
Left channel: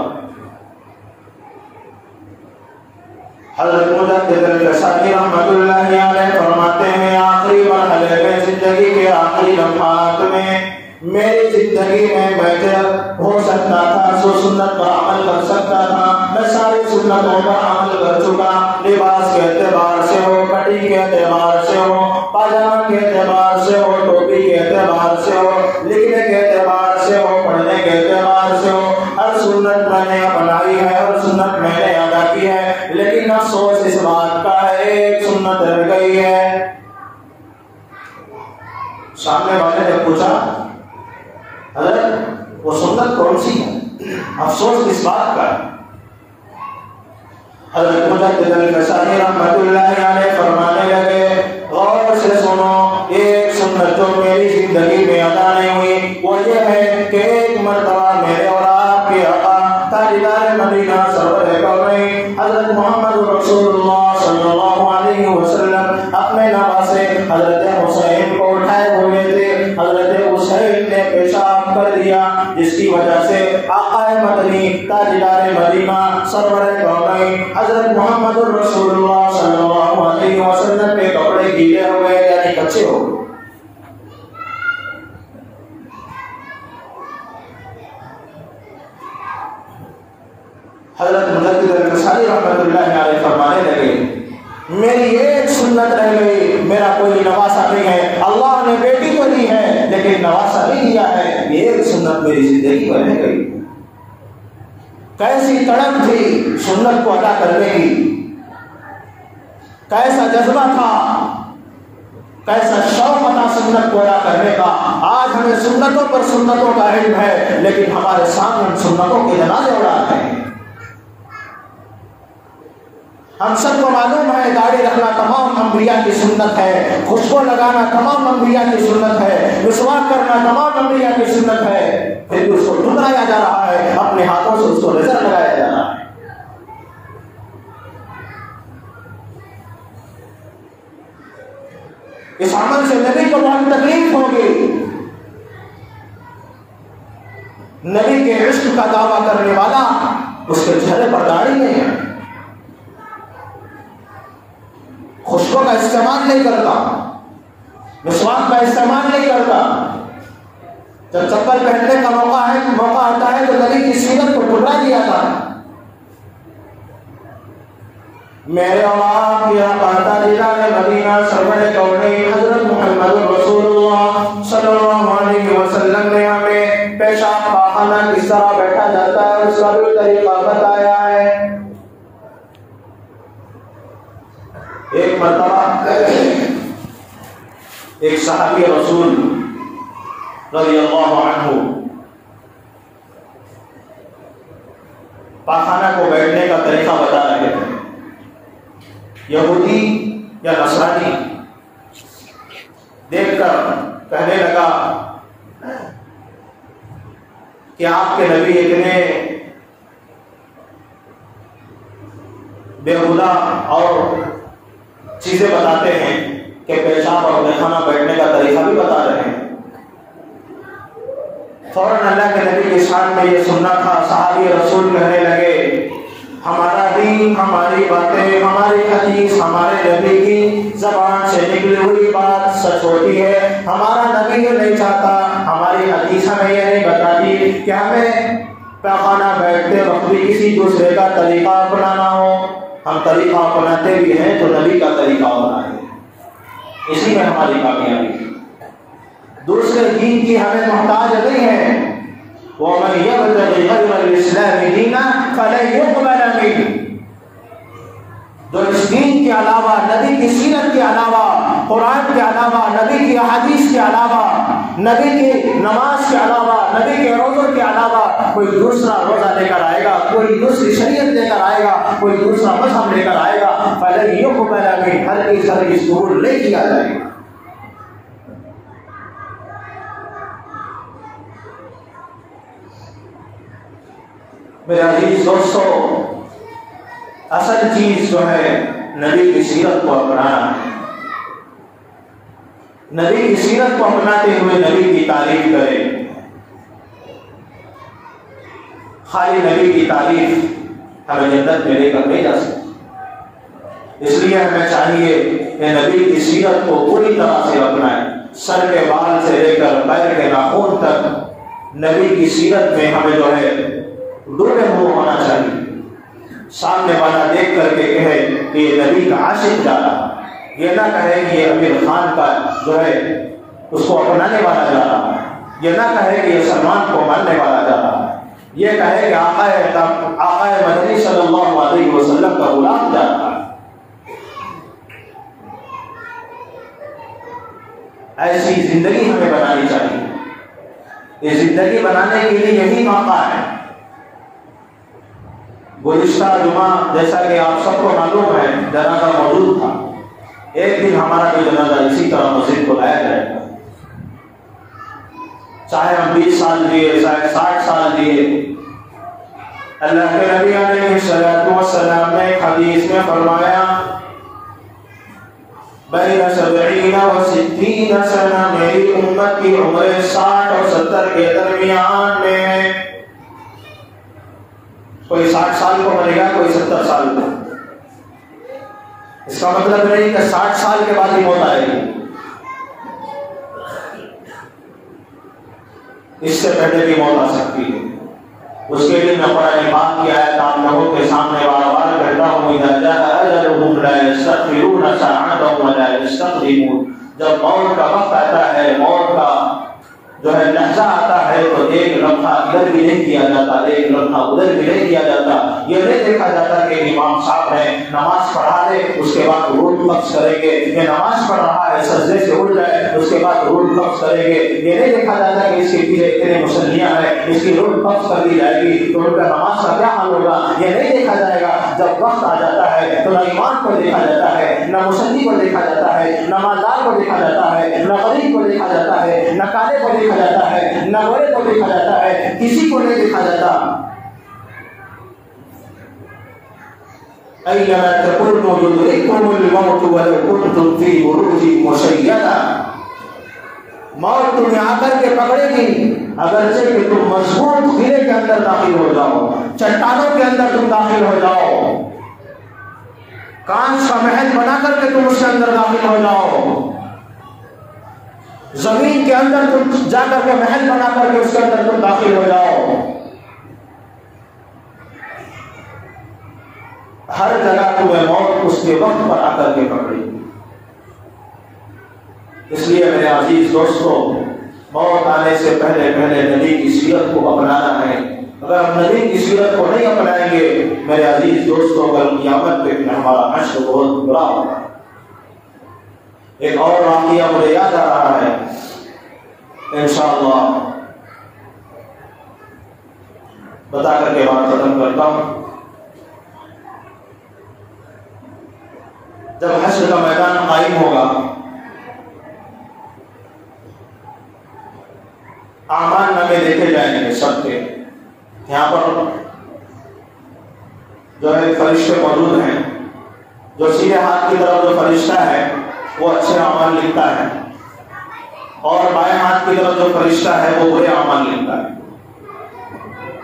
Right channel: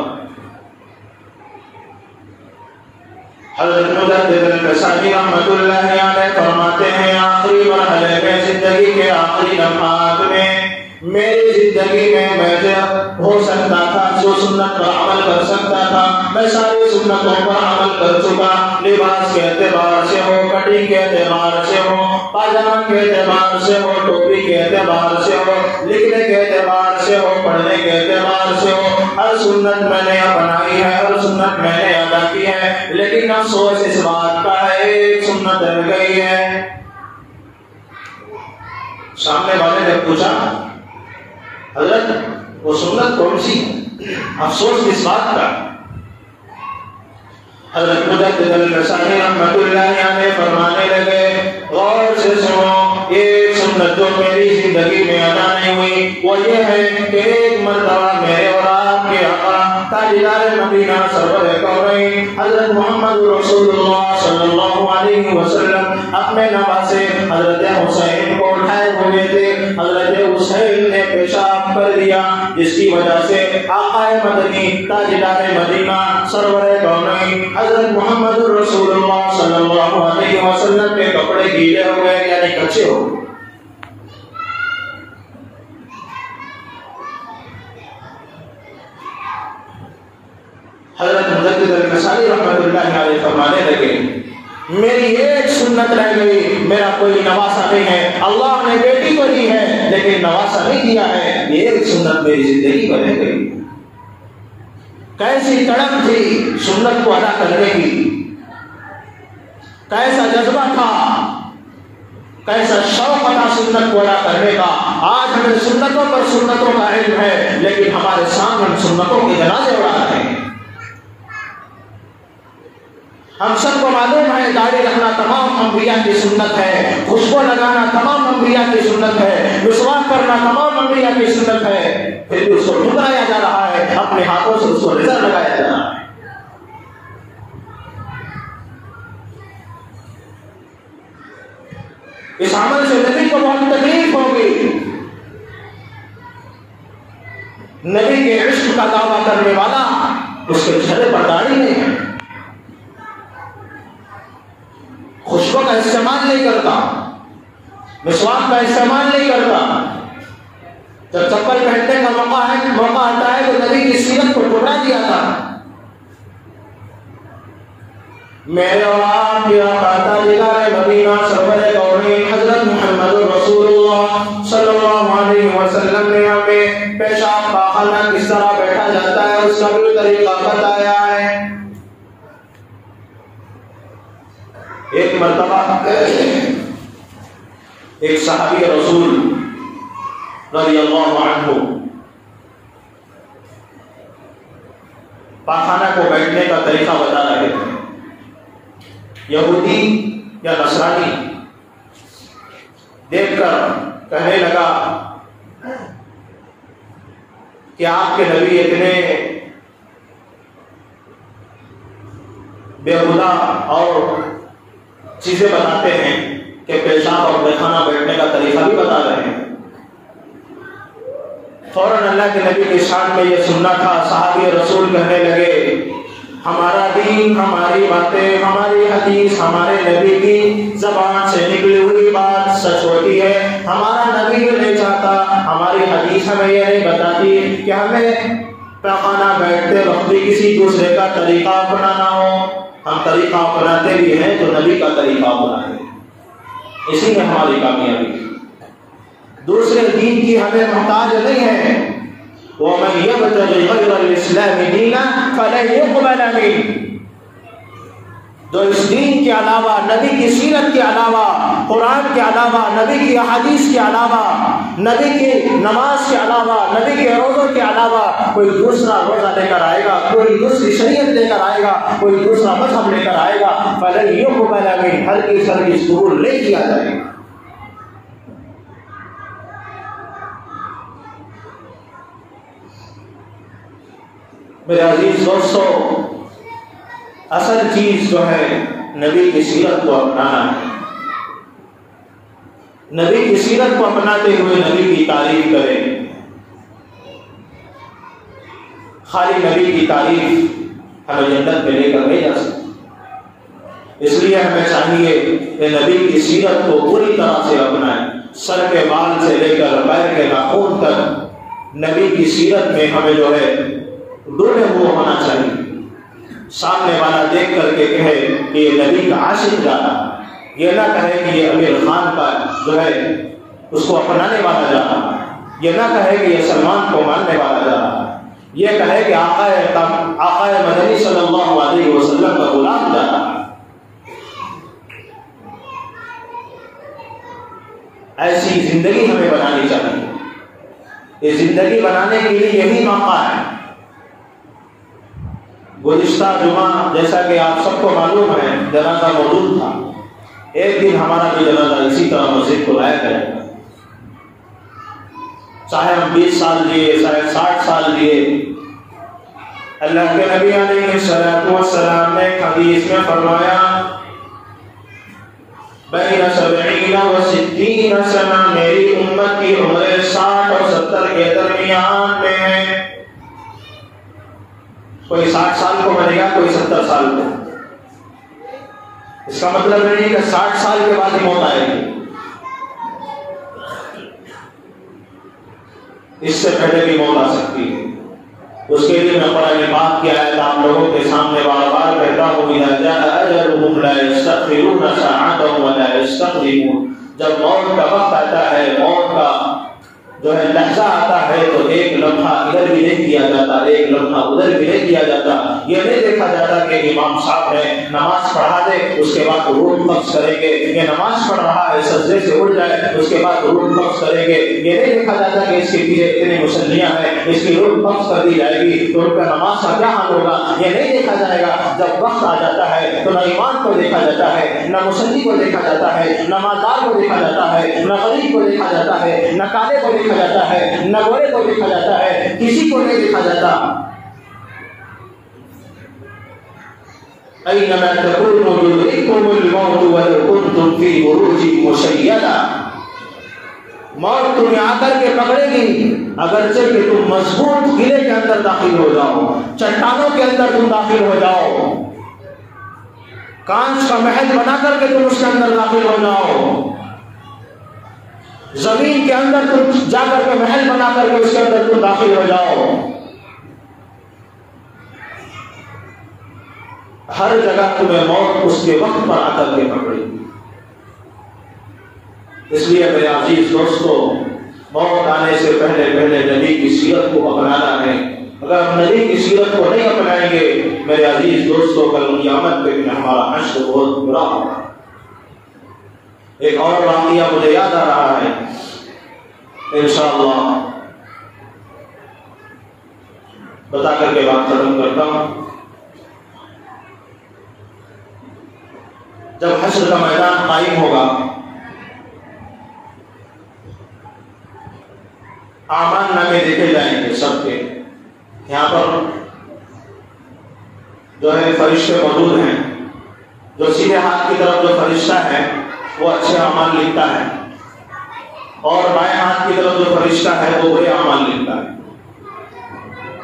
حضرت مجدد الفسانی رحمۃ اللہ علیہ فرماتے ہیں آخری مرحلے میں زندگی کے آخری لمحات میں میری زندگی میں میں ہو سکتا تھا سو سنت پر عمل کر سکتا تھا، میں ساری سنتوں پر عمل کر چکا، لباس کے اعتبار سے ہو، کٹنگ کے اعتبار سے ہو، پاجامہ کے اعتبار سے ہو، ٹوپی کے اعتبار سے ہو، لکھنے کے اعتبار سے ہو، پڑھنے کے اعتبار سے ہو، ہر سنت میں نے اپنائی ہے، ہر سنت میں نے ادا کی ہے، لیکن افسوس اس بات کا ہے ایک سنت رہ گئی ہے۔ سامنے والے نے پوچھا حضرت وہ سنت کون سی ہے؟ افسوس کس بات کا؟ حضرت مجدد الفسانی رحمۃ اللہ علیہ فرمانے لگے غور سے سنو، ایک سنت جو میری زندگی میں ادا نہیں ہوئی وہ یہ ہے کہ ایک مرتبہ میرے اور آپ کے آقا تاجدار مدینہ سرور کونین حضرت محمد رسول اللہ صلی اللہ علیہ وسلم اپنے نواسے حضرت حسین کو اٹھائے ہوئے تھے، حضرت حسین نے پیشاب کر دیا جس کی وجہ سے آقا مدنی تاجدار مدینہ سرور کونین حضرت محمد رسول اللہ صلی اللہ علیہ وسلم کے کپڑے گیلے ہو گئے یعنی کچے ہو گئے۔ حضرت مجدد الفسانی رحمۃ اللہ علیہ فرمانے لگے میری ایک سنت رہ گئی، میرا کوئی نواسا نہیں ہے، اللہ نے بیٹی تو دی ہے لیکن نواسا نہیں دیا ہے، یہ ایک سنت میری زندگی میں رہ گئی۔ کیسی تڑپ تھی سنت کو ادا کرنے کی، کیسا جذبہ تھا، کیسا شوق تھا سنت کو ادا کرنے کا۔ آج ہمیں سنتوں پر سنتوں کا علم ہے لیکن ہمارے سامنے ہم سنتوں کے جنازے اڑاتے ہیں۔ ہم سب کو معلوم ہے داڑھی رکھنا تمام انبیاء کی سنت ہے، خوشبو لگانا تمام انبیاء کی سنت ہے، مسواک کرنا تمام انبیاء کی سنت ہے، پھر بھی اس کو ٹھکرایا جا رہا ہے، اپنے ہاتھوں سے اس کو نظر لگایا جا رہا ہے۔ اس عمل سے نبی کو بہت تکلیف ہوگی۔ نبی کے عشق کا دعویٰ کرنے والا اس کے چہرے پر داڑھی نہیں ہے، خوشبو کا استعمال نہیں کرتا، مسواک کا استعمال نہیں کرتا، جب چپل پہننے کا موقع آتا ہے تو نبی کی سیرت کو ٹکرا دیا تھا۔ میرے اور آپ کی آقا تاجدار مدینہ سرور کونین حضرت محمد رسول اللہ صلی اللہ علیہ وسلم نے ہمیں پیشاب پاخانہ کس طرح بیٹھا جاتا ہے اس کا بھی طریقہ بتایا ہے۔ ایک مرتبہ ایک صحابی رسول رضی اللہ عنہ پاخانہ کو بیٹھنے کا طریقہ بتا رہے تھے۔ یہودی یا نصرانی دیکھ کر کہنے لگا کہ آپ کے نبی اتنے بیہودہ اور چیزیں بتاتے ہیں کہ پیشاب اور میخانہ بیٹھنے کا طریقہ بھی بتا رہے ہیں۔ فوراً اللہ کے نبی کی شان میں یہ سننا تھا، صحابی رسول کہنے لگے ہمارا دین، ہماری باتیں، ہماری حدیث، ہمارے نبی کی زبان سے نکلی ہوئی بات سچ ہوتی ہے۔ ہمارا نبی یہ نہیں چاہتا، ہماری حدیث ہمیں یہ نہیں بتاتی کہ ہمیں پیخانہ بیٹھتے وقت بھی کسی دوسرے کا طریقہ اپنانا ہو۔ ہم طریقہ اپناتے بھی ہیں تو نبی کا طریقہ اپنائیں، اسی میں ہماری کامیابی۔ دوسرے دین کی ہمیں محتاج نہیں ہے۔ وَمَن يَبْتَغِ غَيْرَ الْإِسْلَامِ دِينًا فَلَن يُقْبَلَ مِنْهُ، جو اس دین کے علاوہ، نبی کی سیرت کے علاوہ، قرآن کے علاوہ، نبی کی احادیث کے علاوہ، نبی کی نماز کے علاوہ، نبی کے روزوں کے علاوہ کوئی دوسرا روزہ لے کر آئے گا، کوئی دوسری شریعت لے کر آئے گا، کوئی دوسرا مذہب لے کر آئے گا، فَلَن يُقْبَلَ مِنْهُ، ہرگز قبول نہیں کیا جائے گا۔ میرے عزیز دوستو، اصل چیز جو ہے نبی کی سیرت کو اپنانا ہے۔ نبی کی سیرت کو اپناتے ہوئے نبی کی تعریف کریں۔ خالی نبی کی تعریف ہمیں جنت میں لے کر نہیں جا سکتی۔ اس لیے ہمیں چاہیے کہ نبی کی سیرت کو پوری طرح سے اپنائیں، سر کے بال سے لے کر پیر کے ناخن تک نبی کی سیرت میں ہمیں جو ہے ڈوبے ہوئے ہونا چاہیے۔ سامنے والا دیکھ کر کے کہے کہ یہ نبی کا عاشق جا رہا ہے، یہ نہ کہے کہ یہ امیر خان کا جو ہے اس کو اپنانے والا جا رہا ہے، یہ نہ کہے کہ یہ سلمان کو ماننے والا جا رہا ہے، یہ کہے کہ آقا مدنی صلی اللہ علیہ وسلم کا غلام جا رہا ہے۔ ایسی زندگی ہمیں بنانی چاہیے۔ یہ زندگی بنانے کے لیے یہی موقع ہے۔ گزشتہ جمعہ جیسا کہ آپ سب کو معلوم ہے جنازہ موجود تھا، ایک دن ہمارا بھی جنازہ اسی طرح مسجد کو لایا کرے گا، چاہے ہم 20 سال دیے، چاہے 60 سال دیے۔ اللہ کے نبی علیہ السلام نے ایک حدیث میں فرمایا بین 70 و 60 سنہ، میری امت کی عمر 60 اور 70 کے درمیان میں ہے۔ کوئی 60 سال کو مرے گا، کوئی 70 سال کو۔ اس کا مطلب نہیں کہ 60 سال کے بعد ہی موت آئے گی، اس سے پہلے بھی موت آ سکتی ہے۔ اس کے لیے میں قرآن پاک کی آیت آپ لوگوں کے سامنے بار بار کہتا ہوں، اذا جاء اجلهم لا يستأخرون ساعة ولا يستقدمون۔ جب موت کا وقت آتا ہے، موت کا جو ہے لحظہ آتا ہے، تو ایک لمحہ ادھر بھی نہیں دیا جاتا، ایک لمحہ ادھر بھی نہیں دیا جاتا۔ یہ نہیں دیکھا جاتا کہ امام صاحب نے نماز پڑھا دے اس کے بعد روح قبض کریں گے، یہ نماز پڑھ رہا ہے سجدے سے اٹھ جائے اس کے بعد روح قبض کریں گے۔ یہ نہیں دیکھا جاتا کہ اس کے پیچھے اتنے مسلیاں ہیں، اس کی روح قبض کر دی جائے گی تو ان کا نماز کا کیا حال ہوگا، یہ نہیں دیکھا جائے گا۔ جب وقت آ جاتا ہے تو نہ ایمان کو دیکھا جاتا ہے، نہ مسلی کو دیکھا جاتا ہے، نہ مالدار کو دیکھا جاتا ہے، نہ غریب کو دیکھا جاتا ہے، نہ کالے کو دیکھا جاتا ہے، نہ گورے کو دیکھا جاتا ہے، کسی کو نہیں دیکھا جاتا۔ اینما تکونوا یدرککم الموت ولو کنتم فی بروج مشیدہ۔ موت تمہیں آ کر کے پکڑے گی اگرچہ کہ تم مضبوط قلعے کے اندر داخل ہو جاؤ، چٹانوں کے اندر تم داخل ہو جاؤ، کانچ کا محل بنا کر کے تم اس کے اندر داخل ہو جاؤ، زمین کے اندر تم جا کر کے محل بنا کر کے اس کے اندر تم داخل ہو جاؤ۔ ہر جگہ تمہیں موت اس کے وقت پر آ کر کے پکڑے گی۔ اس لیے میرے عزیز دوستو، موت آنے سے پہلے پہلے نبی کی سیرت کو اپنانا ہے۔ اگر ہم نبی کی سیرت کو نہیں اپنائیں گے میرے عزیز دوستو، کل قیامت پہ ہمارا حشر بہت برا ہوگا۔ ایک اور واقعہ مجھے یاد آ رہا ہے، انشاءاللہ بتا کر کے بات ختم کرتا ہوں۔ جب حشر کا میدان قائم ہوگا، اعمال نامے دیکھے جائیں گے سب کے۔ یہاں پر جو ہے فرشتے موجود ہیں، جو سیدھے ہاتھ کی طرف جو فرشتہ ہے وہ اچھے اعمال لکھتا ہے، اور بائیں ہاتھ کی طرف جو فرشتہ ہے وہ برے اعمال لکھتا ہے۔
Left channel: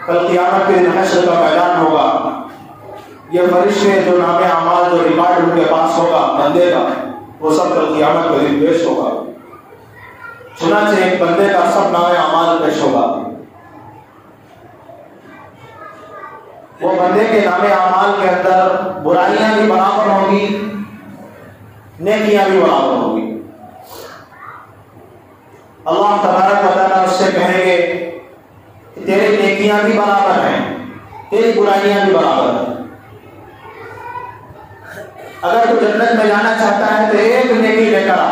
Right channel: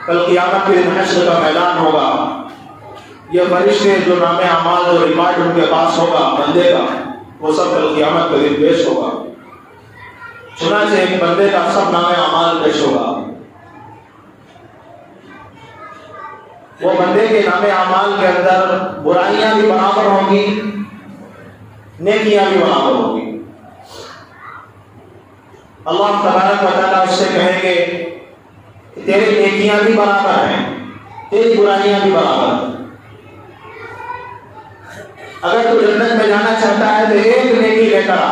کل قیامت کے دن حشر کا میدان ہوگا، یہ فرشتے جو نام اعمال جو ریکارڈ ان کے پاس ہوگا بندے کا، وہ سب کل قیامت کے دن پیش ہوگا۔ چنانچہ ایک بندے کا سب نام اعمال پیش ہوگا، وہ بندے کے نام اعمال کے اندر برائیاں بھی برابر ہوں گی، نیکیاں بھی برابر ہوں گی۔ اللہ تبارک و تعالیٰ اس سے کہیں گے کہ تیری نیکیاں بھی برابر ہیں، تیری برائیاں بھی برابر ہیں۔ اگر تو جنت میں جانا چاہتا ہے تو ایک نیکی لے کر آ،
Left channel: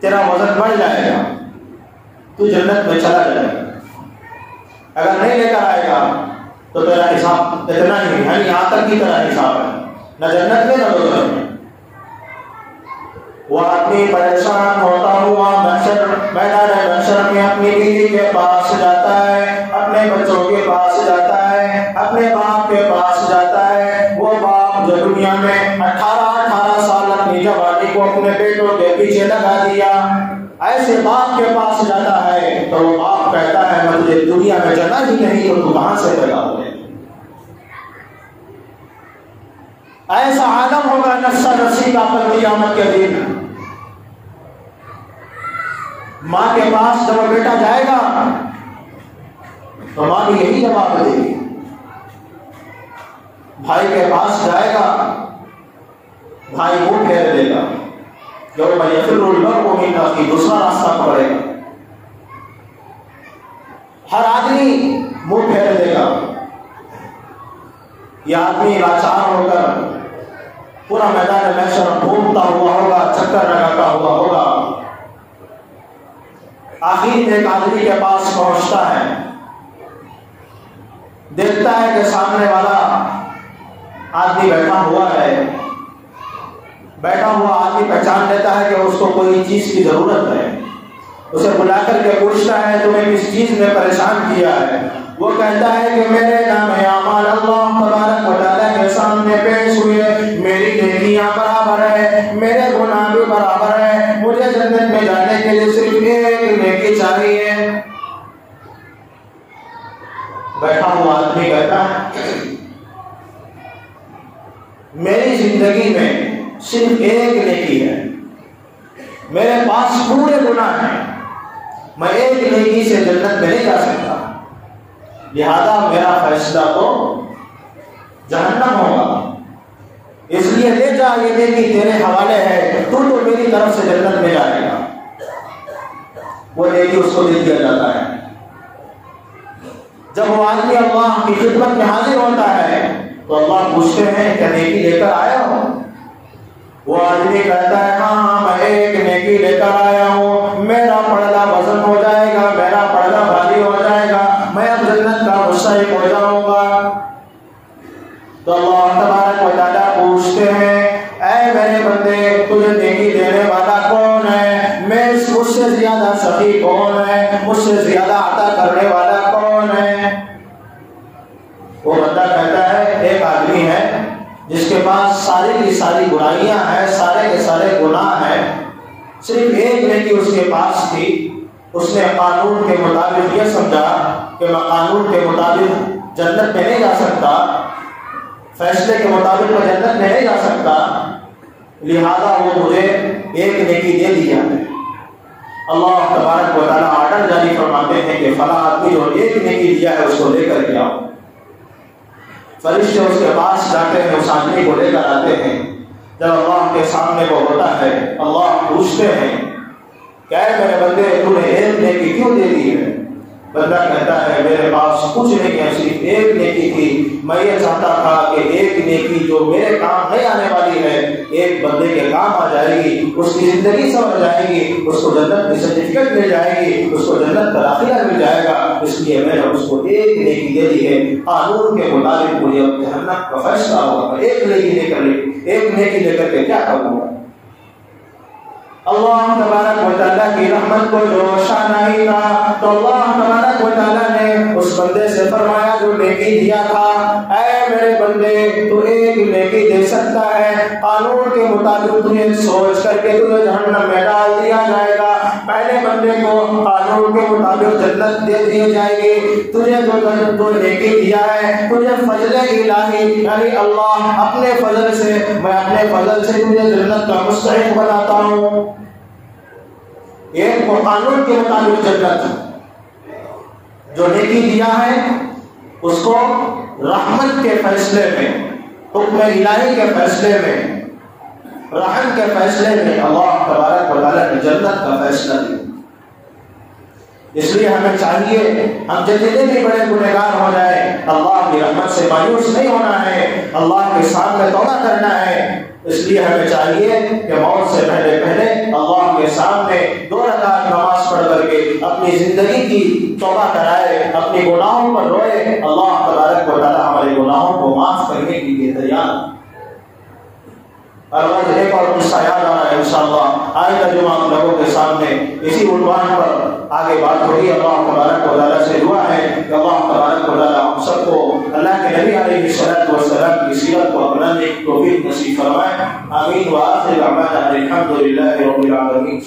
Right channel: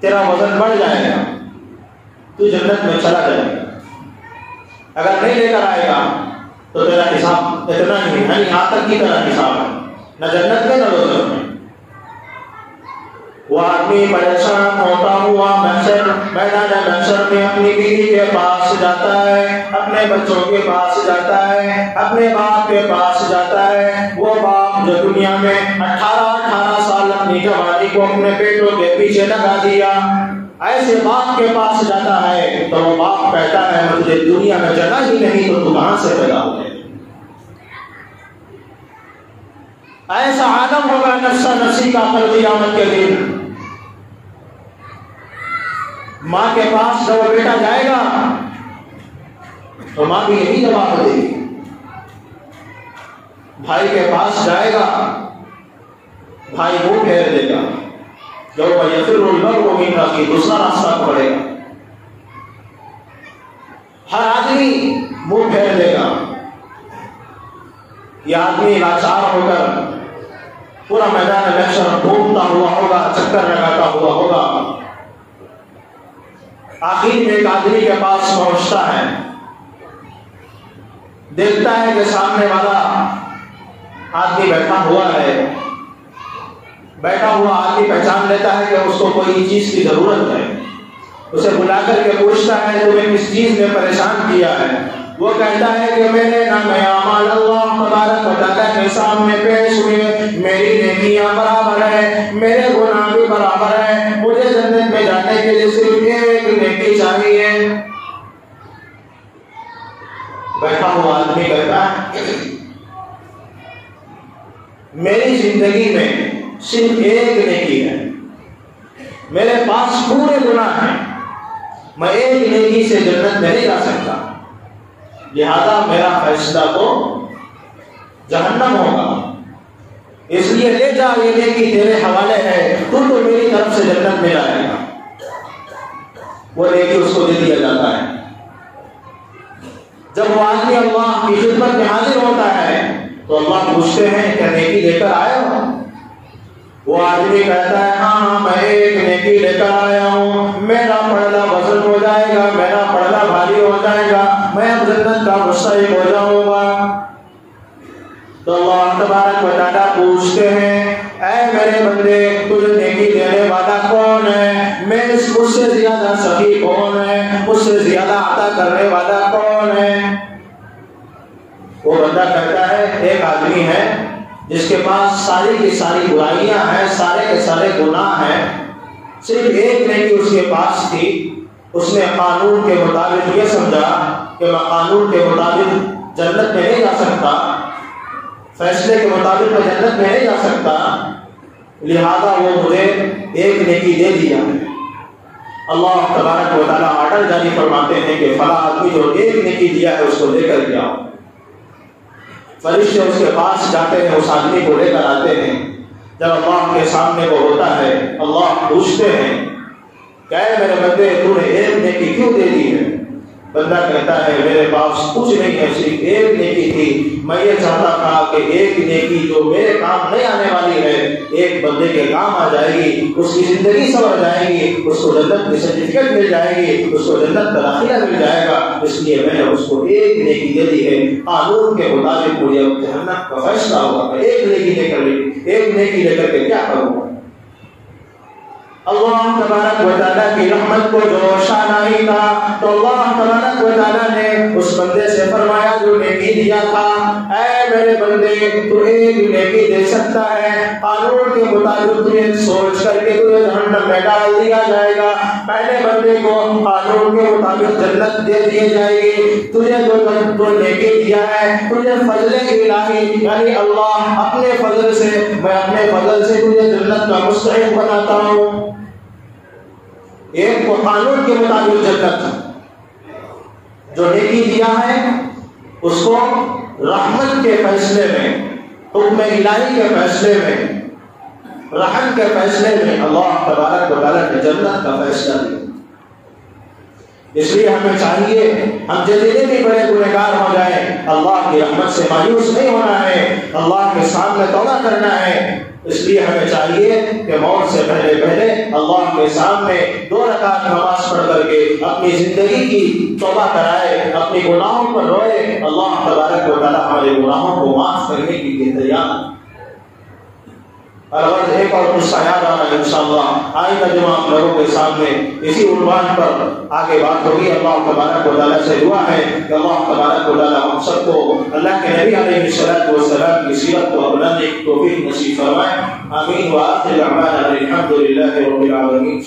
تیرا وزن بڑھ جائے گا، تو جنت میں چلا جائے گا۔ اگر نہیں لے کر آئے گا تو تیرا حساب اتنا ہی، یعنی آتک کی طرح حساب ہے، نہ جنت میں نہ دوزخ میں۔ وہ آدمی پریشان ہوتا ہوا میدان محشر میں اپنی بیوی کے پاس جاتا ہے، اپنے بچوں کے پاس جاتا ہے، اپنے باپ کے پاس جاتا ہے۔ وہ باپ جو دنیا میں 18 سال اپنی جوانی کو اپنے بیٹوں کے پیچھے لگا دیا، ایسے باپ کے پاس جاتا ہے تو وہ باپ کہتا ہے میں تجھے دنیا میں جگہ ہی نہیں تو تو کہاں سے پیدا ہو گئے؟ ایسا عالم ہوگا نفسا نفسی کا کل قیامت کے دن. ماں کے پاس جب بیٹا جائے گا تو ماں بھی یہی جواب دے گی. بھائی کے پاس جائے گا, بھائی منہ پھیر دے گا. یوم یفر المرء من اخیہ, دوسرا راستہ پکڑے گا. ہر آدمی منہ پھیر دے گا. یہ آدمی لاچار ہو کر پورا میدان محشر گھومتا ہوا ہوگا, چکر لگاتا ہوا ہوگا. آخر میں ایک آدمی کے پاس پہنچتا ہے, دیکھتا ہے کہ سامنے والا آدمی بیٹھا ہوا ہے. بیٹھا ہوا آدمی پہچان لیتا ہے کہ اس کو کوئی چیز کی ضرورت ہے. اسے بلا کر کے پوچھتا ہے تمہیں کس چیز نے پریشان کیا ہے. وہ کہتا ہے کہ میرے نام اعمال اللہ تبارک و تعالیٰ کے سامنے پیش ہوئے, میری نیکیاں برابر ہے, میرے گناہ بھی برابر ہے. مجھے جنت میں جانے کے لیے صرف ایک نیکی چاہیے. بیٹھا ہوا آدمی کہتا ہے میری زندگی میں صرف ایک نیکی ہے, میرے پاس پورے گناہ ہیں, میں ایک نیکی سے جنت میں نہیں جا سکتا, لہذا میرا فیصلہ تو جہنم ہوگا. اس لیے لے جا, یہ نیکی تیرے حوالے ہے, تو میری طرف سے جنت میں جائے گا. وہ نیکی اس کو دے دیا جاتا ہے. جب وہ آدمی اللہ کی خدمت میں حاضر ہوتا ہے تو اللہ پوچھتے ہیں کیا نیکی لے کر آیا ہو؟ وہ آدمی کہتا ہے ہاں میں ایک نیکی لے کر آیا ہوں, میرا پڑھنا وزن ہو جائے گا, میرا پڑھنا بھاری ہو جائے گا, میں اب جنت کا مستحق ہو جاؤں گا. تو اللہ تبارک و تعالیٰ پوچھتے ہیں اے میرے بندے تجھے نیکی دینے والا کون ہے؟ مجھ سے زیادہ سخی کون ہے؟ مجھ سے زیادہ عطا کرنے والا کون ہے؟ وہ بندہ کہتا ہے ایک آدمی ہے جس کے پاس ساری کی ساری برائیاں ہیں, سارے کے سارے گناہ ہیں, صرف ایک نیکی اس کے پاس تھی. اس نے قانون کے مطابق یہ سمجھا کہ میں قانون کے مطابق جنت میں نہیں جا سکتا, فیصلے کے مطابق میں جنت میں نہیں جا سکتا, لہذا وہ مجھے ایک نیکی دے دیا. اللہ تبارک و تعالیٰ آرڈر جاری فرماتے ہیں کہ فلاں آدمی جو ایک نیکی دیا ہے اس کو لے کر کے آؤ. فرشتے اس کے پاس جاتے ہیں, اس آدمی کو لے کر آتے ہیں. جب اللہ کے سامنے وہ ہوتا ہے اللہ پوچھتے ہیں کہ اے میرے بندے تو نے ایک نیکی کیوں دے دی ہے؟ بندہ کہتا ہے میرے پاس کچھ نہیں ہے, صرف ایک نیکی تھی. میں یہ چاہتا تھا کہ ایک نیکی جو میرے کام نہیں آنے والی ہے ایک بندے کے کام آ جائے گی, اس کی زندگی سنور جائے گی, اس کو جنت کی سرٹیفکیٹ مل جائے گی, اس کو جنت کا داخلہ مل جائے گا. اس لیے میں نے اس کو ایک نیکی دے دی ہے. قانون کے مطابق مجھے جہنم کا فیصلہ ہوگا, میں ایک نیکی لے کر کے کیا کروں گا؟ اللہ تبارک و تعالیٰ کی رحمت کو جو شانہ ہی تھا تو اللہ تبارک و تعالیٰ نے اس بندے سے فرمایا جو نیکی دیا تھا اے میرے بندے تو ایک نیکی دے سکتا ہے, قانون کے مطابق تجھے سوچ کر کے تجھے جہنم میں ڈال دیا جائے گا. پہلے بندے کو قانون کے مطابق جنت دے دی جائے گی. تجھے جو نیکی دیا ہے تجھے فضل الہی یعنی اللہ اپنے فضل سے, میں اپنے فضل سے تجھے جنت کا مستحق بناتا ہوں. ایک کو قانون کے مطابق جنت, جو نیکی دیا ہے اس کو رحمت کے فیصلے میں, حکم الہی کے فیصلے میں, رحم کے فیصلے میں اللہ تبارک و تعالیٰ نے جنت کا فیصلہ دیا. اس لیے ہمیں چاہیے ہم جتنے بھی بڑے گنہگار ہو جائیں اللہ کی رحمت سے مایوس نہیں ہونا ہے, اللہ کے سامنے توبہ کرنا ہے. اس لیے ہمیں چاہیے کہ موت سے پہلے اللہ کے سامنے 2 رکعت نماز پڑھ کر کے اپنی زندگی کی توبہ کرائے, اپنے گناہوں پر روئے. اللہ تبارک و تعالیٰ ہمارے گناہوں کو معاف کرنے کے لیے تیار. الغرض ایک اور قصہ یاد آ رہا ہے انشاءاللہ آئندہ جمعہ آپ لوگوں کے سامنے اسی عنوان پر آگے بات ہوگی. اللہ تبارک و تعالیٰ سے دعا ہے کہ اللہ تبارک و تعالیٰ ہم سب کو اللہ کے نبی علیہ الصلوۃ والسلام کی سیرت کو اپنانے کی توفیق نصیب فرمائے. آمین. وآخر دعوانا الحمد للہ رب العالمین.